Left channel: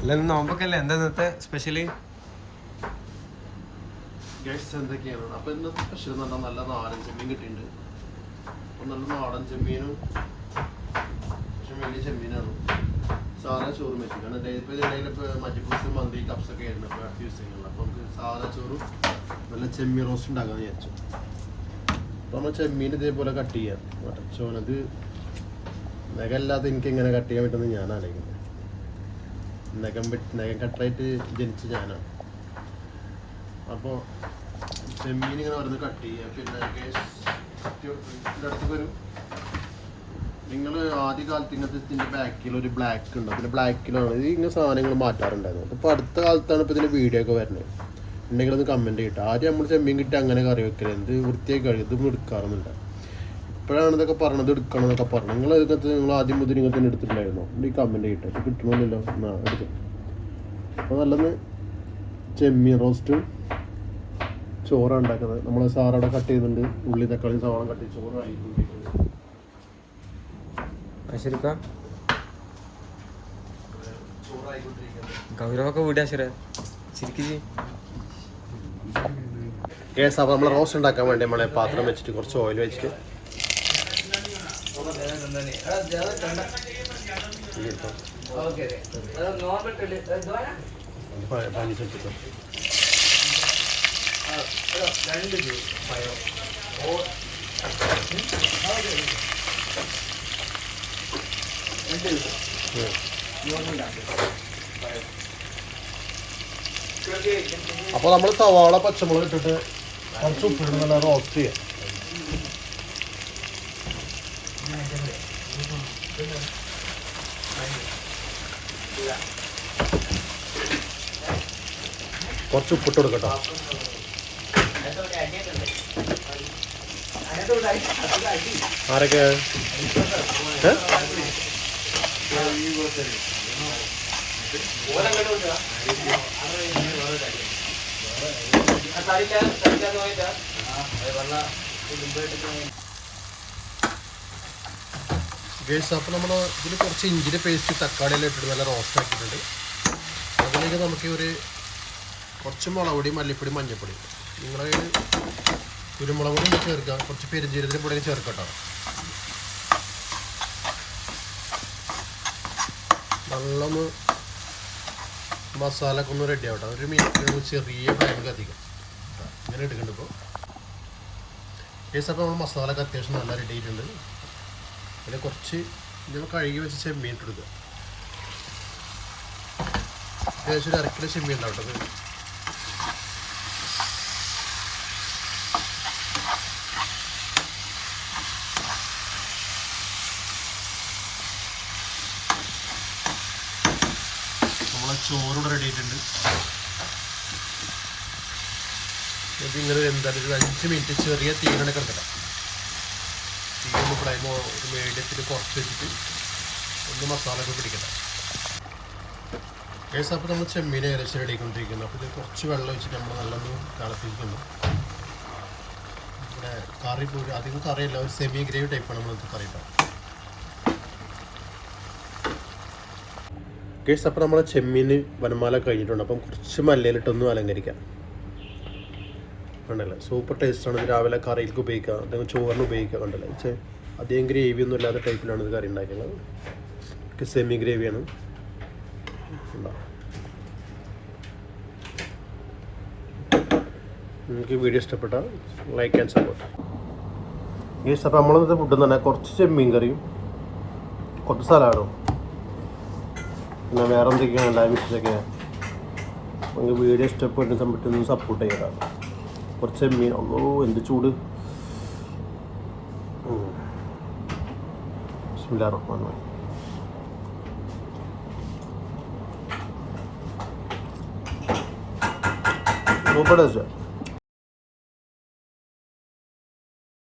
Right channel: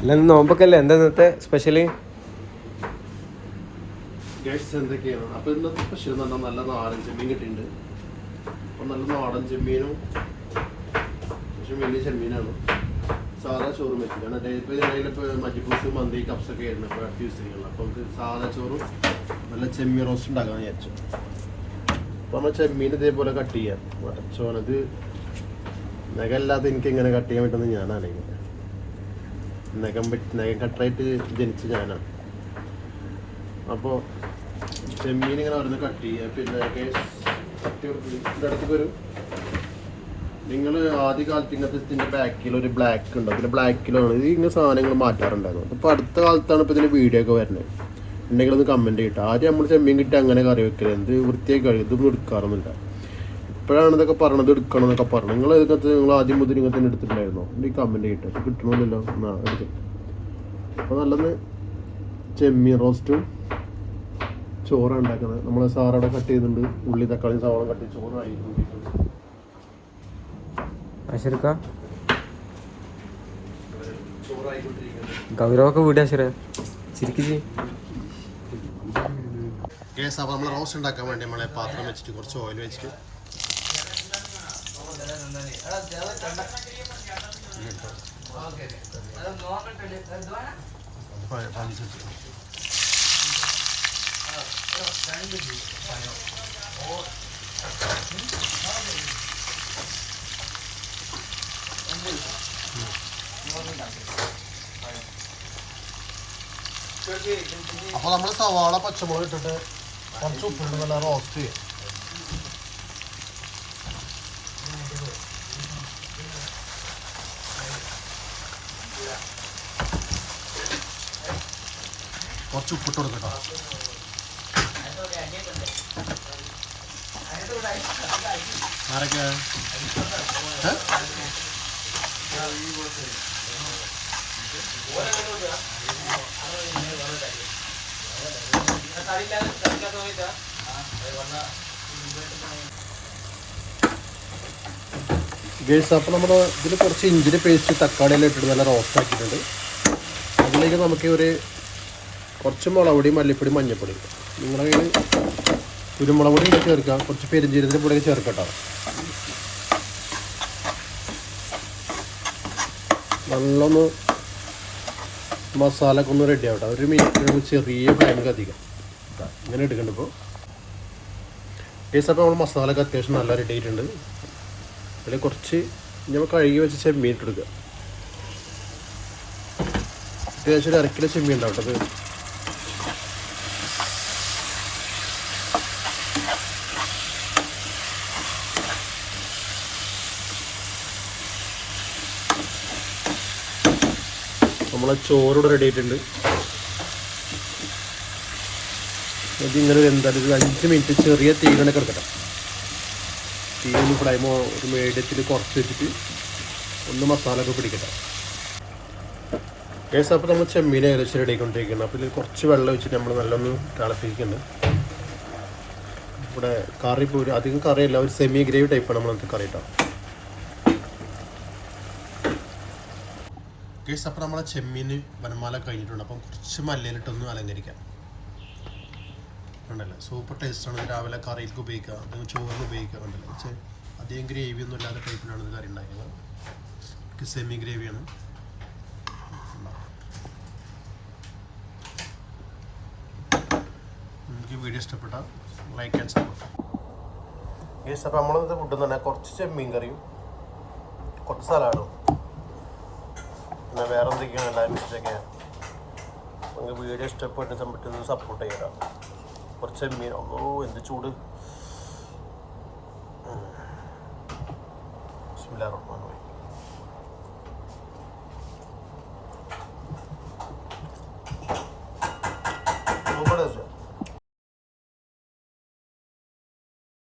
അല്ല നോമ്പൊക്കെയല്ലേ എന്താ ഇന്നത്തെ സ്പെഷ്യല്? എന്തൊക്കെയാണ് അപ്പൊ ഇന്നത്തെ സ്പെഷ്യൽ എന്ന് പറഞ്ഞാൽ നല്ല നാടൻ ചെമ്മീൻ കിട്ടിയിട്ടുണ്ട്. അപ്പൊ നല്ല നാടൻ ചെമ്മീനും പക്ഷെ വലിയ ചെമ്മീനാണ്. സാധാ ചോറും വെച്ചു കാരണം ഇപ്പൊ മജ്ജിപ്പൂസ് മന്തി കപ്സൊക്കെ ആയിരുന്നു ഇപ്പൊ യൂസ് ചെയ്യുന്നത്. അപ്പൊ നമുക്ക് സാധാ ചോറും നല്ല ചെമ്മീൻ റോസ്റ്റ് ഉണ്ടാക്കാന്ന് വിചാരിച്ചു. അപ്പൊ നമ്മൾ ചെമ്മീൻ ഇതേപോലെ കട്ട് ചെയ്യാം. മറ്റച്ചോനത് നഖല്ലാതെ എനിക്ക് എങ്ങനെ കട്ട് ചെയ്യാൻ പറ്റുമെന്ന് ഞാൻ ആലോചിക്കുന്നത്. നഖം കട്ടായിട്ട് ജനിച്ച ഞാനാണ്. അപ്പോൾ ചെമ്മീൻ ഇങ്ങനെ ഓരോന്ന് കട്ട് ചെയ്യുക. പിന്നെ ഇടയ്ക്ക് വരും. നിങ്ങൾ ആദ്യ കാലത്ത് ഇങ്ങനത്തെ ഇതിൻ്റെ ബാക്കിൽ ഒരു ബ്ലാക്ക് ഉണ്ട്. അതിൻ്റെ ബ്ലാക്കിലാണ് ഇത് ഇങ്ങനെ സാധനങ്ങൾ മാറ്റാറുണ്ടായിരുന്നു. അപ്പോൾ അടുത്ത കാലത്താണ് ഇപ്പോൾ ഇതിൻ്റെ വീഡിയോ ഒക്കെ വരുന്നത്. ഉണ്ടെങ്കിൽ ഒന്ന് കമൻറ്റ് ചെയ്തിട്ട്. ആദ്യം നമ്മൾ ചെമ്മീൻ കിട്ടി അങ്ങനെ കറി വെക്കല് എന്ത് വൃത്തിയായി കഴിയും. ഇതൊന്നും എടുക്കാറൊന്നുമില്ല. ഇപ്പോഴാണ് ഇതൊക്കെ പറഞ്ഞത് എടുക്കണം എന്നൊക്കെ പറഞ്ഞു. നിങ്ങൾ ആദ്യം മുതൽ ഇങ്ങനെ തന്നെ എടുത്തിട്ടുണ്ടായിരുന്നോ? ഈ കമൻറ്റ് ചെയ്തിട്ട് കിട്ടണമില്ലല്ലോ എന്നാ എടുക്കും. അപ്പോൾ നല്ലത് ചെമ്മീൻ റോസ്റ്റും ചോറാണ് ഉണ്ടാക്കുന്നത്. നമ്മൾ സാറവിടെ കട്ട് ചെയ്തിട്ടുണ്ട്. ഉള്ളി തക്കാളി സവാള കട്ട് ചെയ്ത് ചോറായിട്ടുണ്ട്. ഗൗരവൊക്കെ വീടാ ശരി. ഗ്യാസ് അപ്പോൾ നമ്മൾ റോസ്റ്റ് ഉണ്ടാക്കാൻ വേണ്ടി നമ്മളെ പാത്രം വെച്ചിട്ട് കുറച്ച് ഓയിൽ വെച്ചിട്ട് പഞ്ചിച്ചെടുത്തിട്ടോ. അപ്പോൾ നമ്മൾ സവാള പച്ചമുളക് ഇട്ടിട്ട് കുറച്ച് ഉപ്പിട്ട് നല്ല റോസ്റ്റ് ചെയ്യാം. കുറച്ച് ഉപ്പിട്ട് കൊടുക്കട്ടോ. ആരൊക്കെ ഗേസ് അപ്പോൾ നമ്മൾ ഇതിൽ കുറച്ച് ഇഞ്ചിൻ്റെ പേസ്റ്റ് തക്കാളിയെല്ലാം ഇട്ടിട്ട് നല്ല റോസ്റ്റ് ആക്കിയിട്ടുണ്ട്. അതിലേക്ക് നമുക്ക് കുറച്ച് മുളക് പൊടി മല്ലിപ്പൊടി മഞ്ഞൾപ്പൊടി നിങ്ങളുടെ കയ്യിൽ കുരുമുളക് പൊടി ചേർക്കാം. കുറച്ച് പെരുംജീരകത്തിൻ്റെ പൊടി ചേർക്കട്ടോ. നല്ലൊന്ന് മസാല ഒക്കെ ഒന്ന് റെഡി ആവട്ടെ. ഒരു മിനിറ്റ് ചെറിയ ഫ്ലെയിമിൽ കത്തിക്കാം. ഇങ്ങനെ എടുക്കണ്ട. ഇപ്പോൾ അപ്പോൾ നമ്മൾ മസാല ഒക്കെ അത്യാവശ്യം നല്ല റെഡി ആയിട്ടുണ്ട്. അതിൽ കുറച്ച് നമ്മൾ കഴുകി വെച്ച് ചെമ്മീൻ ഇട്ടെടുക്കുക. അത്യാവശ്യം ഒരു 1 കിലോ ചെമ്മീൻ ഉണ്ടാവും കേട്ടോ. നമ്മളെ ചോറൂടെ റെഡി ആയിട്ടുണ്ട്. ഇതിങ്ങനെ എന്തായാലും ഒരു 5 മിനിറ്റ് ചെറിയ തീയിലാണ് കിടക്കട്ടെ. തീ ഒന്ന് ഫ്ലെയിമോ ഒരു മീഡിയത്തിൽ കുറച്ച് വെച്ചിട്ട് ഒന്ന് മസാല ഒക്കെ പിടിക്കട്ടെ. കേസ് അപ്പോൾ നമ്മൾ ചെമ്മീൻ ഏകദേശം റെഡി ആയിക്കൊണ്ടിരിക്കുന്നത്. അപ്പോൾ ഇത് കുറച്ച് വെള്ളം വെച്ചിട്ട് നമ്മൾ നല്ലൊന്ന് തിളപ്പിക്കുന്നുണ്ട്. ഇവിടെ കറി പോലും അധികം കറിയല്ല, ഒരു സെമി ഗ്രേവി ടൈപ്പാണ് നമ്മളത് കറി ഇട്ടാൽ. കേസ് അപ്പോൾ നമ്മൾ ചെമ്മീന് വനമാല കഴിഞ്ഞിട്ടുണ്ട്. അപ്പം കുറച്ച് മല്ലിയിലിട്ടൊന്ന് അലങ്കരിക്കാം. കണ്ടല്ലേ, സൂപ്പർ ടേസ്റ്റാണ്. ഇത് രാവിലെ കറിയിലേക്ക് ഉപയോഗിക്കാം, അല്ലെങ്കിൽ ചോറിന് ഉപയോഗിക്കാം. കണ്ടല്ലേ, പക്ഷേ അധികം ഗ്രേവി ഒന്നും ഇല്ലാത്ത ടൈപ്പിലാണ് ഇത് കറി ഉണ്ടാക്കുന്നത്. സെമി ഗ്രേവിയാണ്. നിങ്ങൾക്ക് വീഡിയോ ഇഷ്ടപ്പെട്ട ലൈക്ക് ആൻഡ് സപ്പോർട്ട്. ഗയ്സ് അപ്പോൾ നമ്മളിന്നത്തെ ഫുഡ് തന്നെ കുറച്ച് ചെമ്മീൻ കറിയും കുറച്ച് സലാഡും പിന്നെ വേറെ എന്തൊക്കെയാണ് എല്ലാ വിഷയൊക്കെ. നിങ്ങൾക്ക് വീഡിയോ ഇഷ്ടപ്പെട്ട സമയത്ത് സപ്പോർട്ട് ചെയ്യണം. കുറച്ച് ചെമ്മീൻ ഒന്നോ എന്ത് ചൂട്. ബിസ്മില്ലാഹിർ-റഹ്മാനിർ-റഹീം. Super taste.